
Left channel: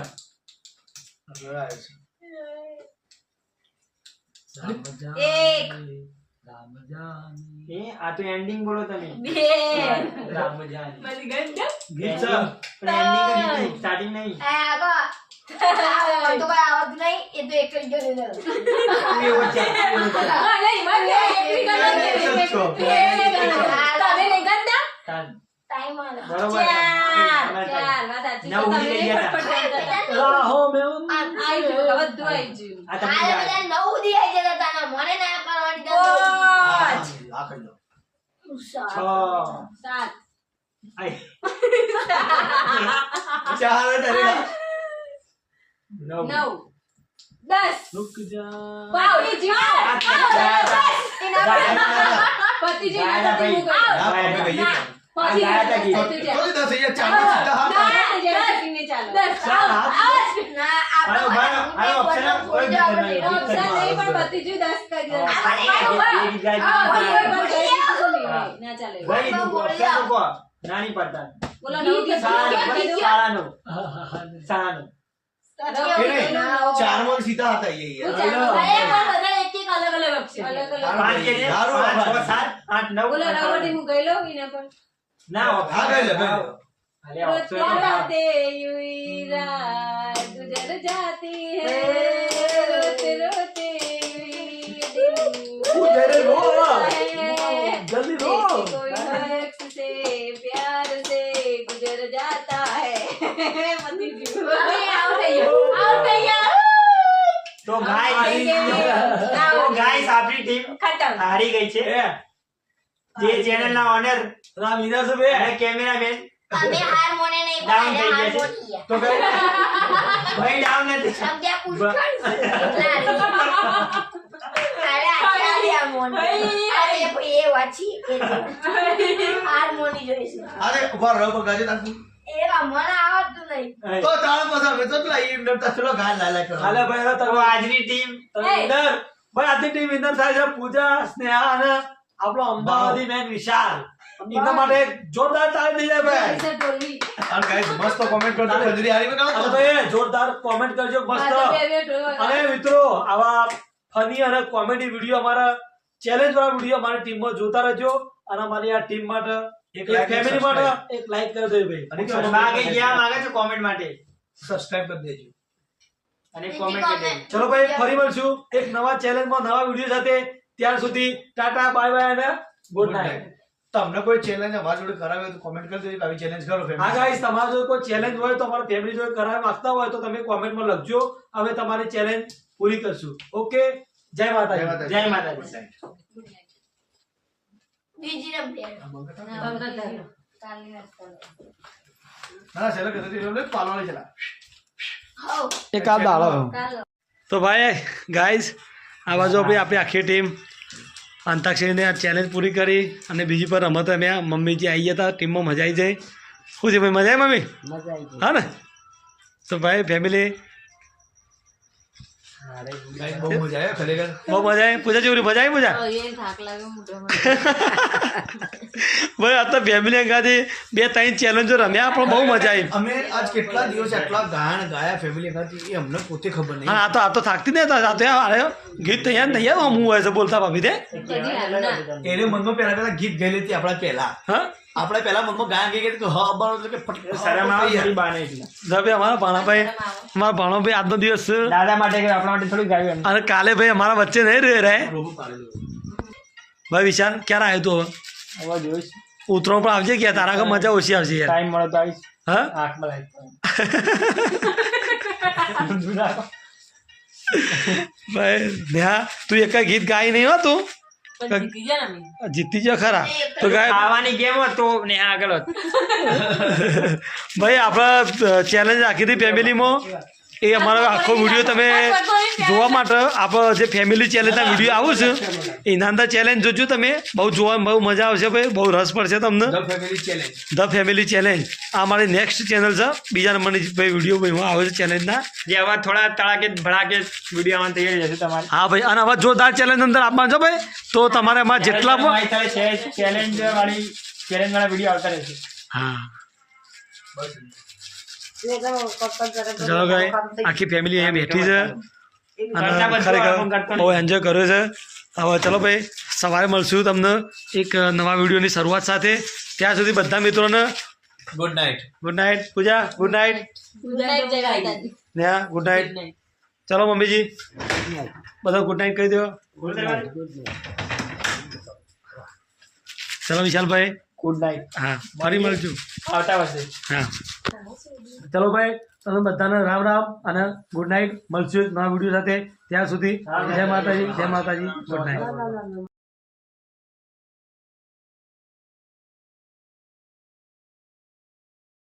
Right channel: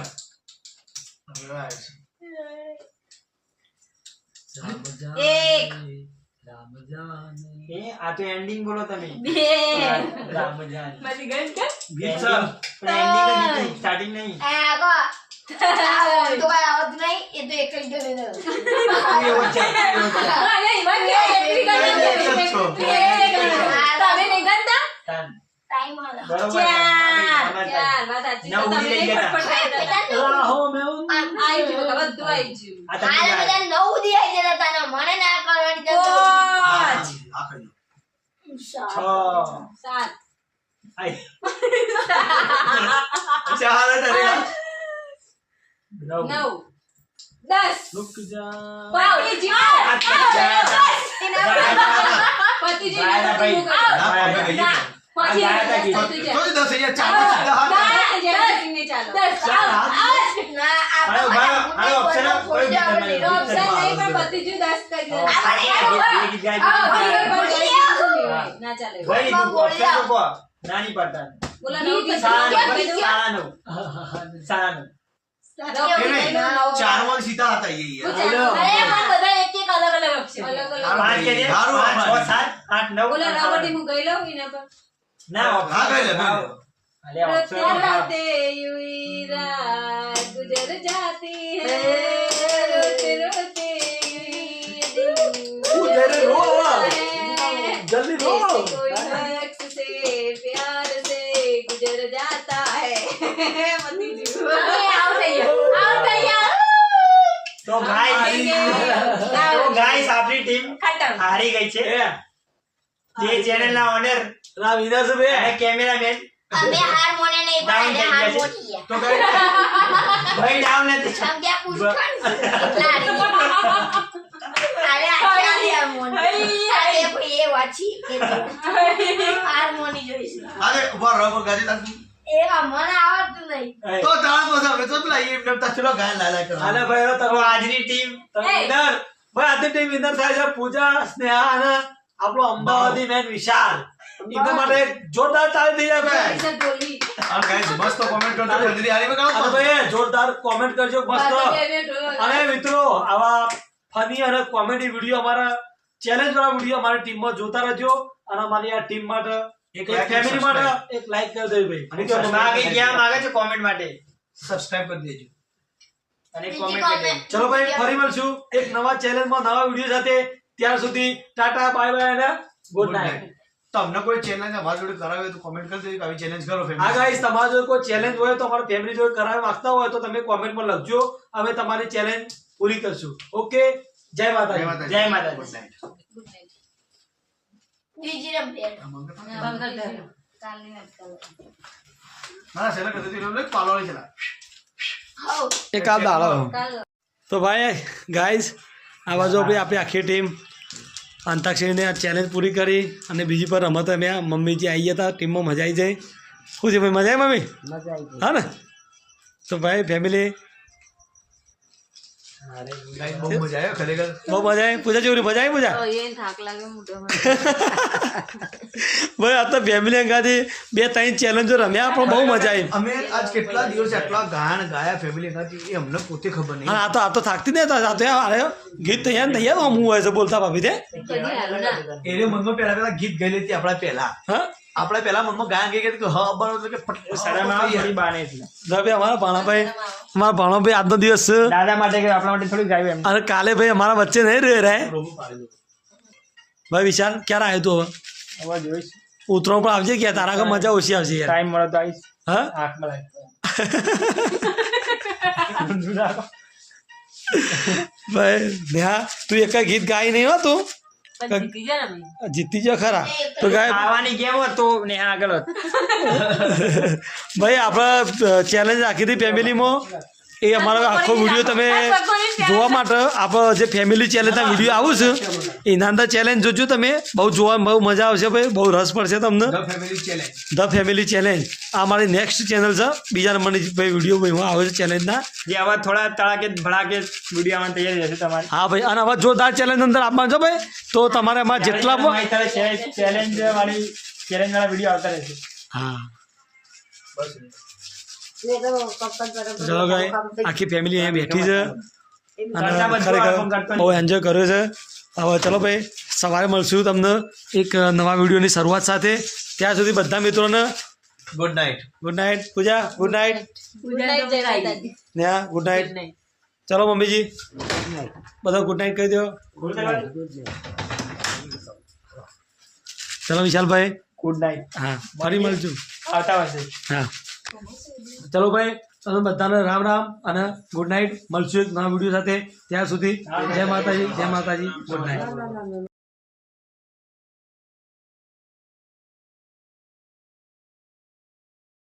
એક. રામ જાને એ આ તો એન્ડિંગ બોલો તમે બે રામ જાન બધી ગઈ કે ગીત છે પણ એન્ડિંગ નહીં સ્ટાર્ટિંગ નહીં તો કઈ આવત નહીં એ તો એક જ જણ એવો છે એવો છે. હા નહીં મને એકલી ગણ તમે નહીં ગણતા તાન. ટાઈમ આલો બરોબર છે. ચાર વાત સાચી નવ તો તમે ઉડી ગયા હતા. ફટફટ કરી દો. રાહો મેં આઈ ગયું બધું આઈ ગયું આ તમે હાલે ગાય. બધા 9 દી આવી જતા હતા ને મને ના કરવાની આ જતો કહી દો છ. સાત આઈ. ચાલે તારે નવ. 9 10 રૂક જા પતિ જીવ પતિ જીવ ગાયના પતિ ભાઈ. જીવ ના પમે ગઈ ના. તો પછી ગાયના ગીત. પતિ જીવ. તો 10,000 ચાલો સીધા હાથ ના, જેમ શૂન્ય ચાલો. ચાર હાથ. ના હાલો, હાલો, option આપો. કોઈ ગીત તમે તો option નહીં, પણ પતિ જીવ 10 કરી દો. એ ગીત ગાય, આ બીજું પણ ગાય. ગઈ કીધું નહીં હોય. ના ચાલે એવું. ભાઈ લીધું, option મૂકો. નાની પડતા બોલો નવ કીધું. સાડા કેમ કીધું? નવ. સાડા નવ. નવ એ કીધું, નહીં, નવ. ચારમાં સીધા હતા એ યાર ચાલો. અરે પણ બધા એક એક અલગ અલગ option. અલગ અલગ. પાંચ કે છે? હારું, 5, 6, હારું. 7, 8, 9. બોલો રાવટી હું ગઈ લઉં એના પર. ના, હા ગઈ લે ગઈ લે. અલે, option क्या આપો. बातें यूं रात गुजर जाती है रोते रोते ये दिन गुजर रो। है। जल्दी रो। जैसे कोई शख्स से प्यार से गुजर जाता है मती जी હવે આવ થઈ ગયા તો ગાઈસ આપણી ટીમ ખતમ હારી ગઈ છે જે ચેનલ ના ઓનર ના વિનર છે બે અને કેમેરામેન અમે હાર મોને નહીં Down પણ થઈ હાર ગયા છે. મોટી ગયા તો કઈ ભાઈ ડાઉન નથી સમજ્યા પૂછખાણ લાડી અરે આચાલી આ મોની અરે ભાઈ એ વાંચી એ હાર મોની જોઈશે આજે ઉભા રહો ગાજે તાકુ એ મને આવડતું નહીં તો તાળ મસા હવે તો પેલા એમ નમ તચલો ગાય લાલા કરો હાલે ભાઈ હવે તો તમે આજની ટીમ વિનર ભાઈ આજની ટીમ વિનર થાય છે પૂજા સ્નેહા અને આપણો અમદાવાદી મેન વિશાલ એના માટે એક જોરદાર તાળી દઈ જાય से बोली અને ગાઈસ મસ્ત કોમેન્ટ કરજો ખંજરી હારી માં અને કાઢો ભાઈ જોરદાર કોમેન્ટ કરજો મસ્ત અને મિત્રો આવા ફની અને કોમેડી વિડીયો અમારા ચેલેન્જ વાળા વિડીયો અમારી ટીમમાં જોતા રહેજો અને અમારી આ ટીમ માટે એક એક like અને ફેમિલી માટે એક લાઈક કરી દેજો ભાઈ અને માગે ક્યાં માગે છે કોમેન્ટ માટે સબસ્ક્રાઇબ કરી દેજો અને બીજી comment કરી દેજો. ચલો ભાઈ ફરી મળશું એક નવા ચેનલમાં નવા વિડીયો સાથે. ત્યાર સુધી ટાટા બાય બાય અને ગુડ નાઇટ. તમને કોઈ ચેલેન્જ અમારા જોડે કરાવે તો કોમેન્ટ કરી દેજો કે આવી ચેલેન્જ કરો હા family. ગાઈસ તમારા જોડે કોઈ ચેલેન્જ હોય તો અમારા ફેમિલી જોડે કરાવવા માંગતા હોય તો તમે કોમેન્ટમાં લખજો. અમે તમારી ચેલેન્જ પૂરી કરશું. ઓકે, જય માતાજી. જય માતાજી. જય માતાજી. Good night. બીજી રમી કાલની વાત કરો. ના છેલ્લે કીધું હતું એટલે પાલવાની છેલ્લા. હો એક આ દાડો. કાલ તો ભાઈ ગાઈસ આ બાજુ ભાઈ આપણી આખી ટીમ અંતાક્ષરીને આ ચેલેન્જ પૂરી કરી અને બીજી પર રમત રમ્યા. મમ્મીજી આવી ગયા હતા ટીમમાં. મજા આવી જાય. શું છે ભાઈ, મજા આવી મમ્મી? હા ને? તો ભાઈ ફેમિલી Guys, બહુ મજા આવ્યો ખરેખર. બહુ મજા આવી. પૂજા જેવી મજા આવી. પૂજા એ થાક લાગ્યો મોઢામાં. ભાઈ આ તો ફેમિલી અંગાથી 2-3 ચેલેન્જો રમ્યા પણ બહુ મજા આવી. અમે આજ કેટલા દિવસ આટલા ગાયન ગાયા ફેમિલી હતી એ અમને પોતે ખબર નહીં. હા આ તો થાકતી નહીં હતા. સાથે આવ્યો ગીત તૈયાર હું હોય છે બોલતા ભાભી તે. એને મનમાં પહેલા ગીત ગયેલી હતી આપણા પહેલા. હા આપણે પહેલા મનમાં ગાયન ગઈ કે હ અબ્બાનો એટલે કે સારામાં આવે ફટ મારી બાને એટલે. ભાઈ અમારા ભાણાભાઈ આજનો દિવસ છે દાદા માટે કે આપણા માટે થોડી ગાયું એમ. અને કાલે ભાઈ અમારા વચ્ચે નહીં રહે રોબો પાડેલું. ભાઈ વિશાલ ક્યારે આવ્યો તું હવે? હવે જોઈશ. ઉતરો પણ આવજે કે તારા આગળ મજા ઓછી આવશે યાર. ટાઈમ મળે તો આવીશ. હા આંખમાં લાઈટ. ભાઈ નેહા તું એક ગીત ગાઈ નહીં હો તું પણ જીતી ગયા ને અમે. જીતી ગયો ખરા તો ગાય ખાવાની ગેમ હોત તો ને આગળ હોત. ભાઈ આપણા ચેલેન્જ રાખી હતી ફેમિલીમાં એ અમારો આખો વિડીયો તમે જોવા માટે આપણો જે ફેમિલી ચેલેન્જના વિડીયો આવું છે એના અંદર ચેલેન્જ જોજો તમે. બહુ જોવા બહુ મજા આવશે ભાઈ. બહુ રસ પડશે તમને. The family challenge. The family challenge આ મારી નેક્સ્ટ ચેનલ છે. બીજા નંબરની ભાઈ વિડીયો ભાઈ આવે છે ચેલેન્જના. જે આવા થોડા તડાકે ભડાકે વિડીયો આવવાની તૈયારી હશે તમારી. હા ભાઈ અને આવા જોરદાર ચેલેન્જ અંદર આપવાનું છે ભાઈ. તો તમારે એમાં જેટલા પણ તમારી સાથે ચેલેન્જ વાળા વિડીયો આવતા રહેશે. હા ચલો ભાઈ આખી ફેમિલી અહીંયા બેઠી છે અને ખરેખર બહુ એન્જોય કર્યો છે. હવે ચલો ભાઈ સવારે મળશું તમને એક નવા વિડીયોની શરૂઆત સાથે. ત્યાં સુધી બધા મિત્રોને good night. Good night. Pooja good night. Good night, જય માતાજી. Neha good night. ચલો મમ્મીજી બધા ગુડ નાઇટ કહી દો. ચલો વિશાલભાઈ ગુડ નાઇટ. હા ફરી મળશું. આવતા વર્ષે. હા ચલો ભાઈ તમે બધાને રામ રામ અને ગુડ નાઇટ. મળશું એક નવા વિડીયો સાથે. ત્યાં સુધી જય માતાજી. જય માતાજી. Good night.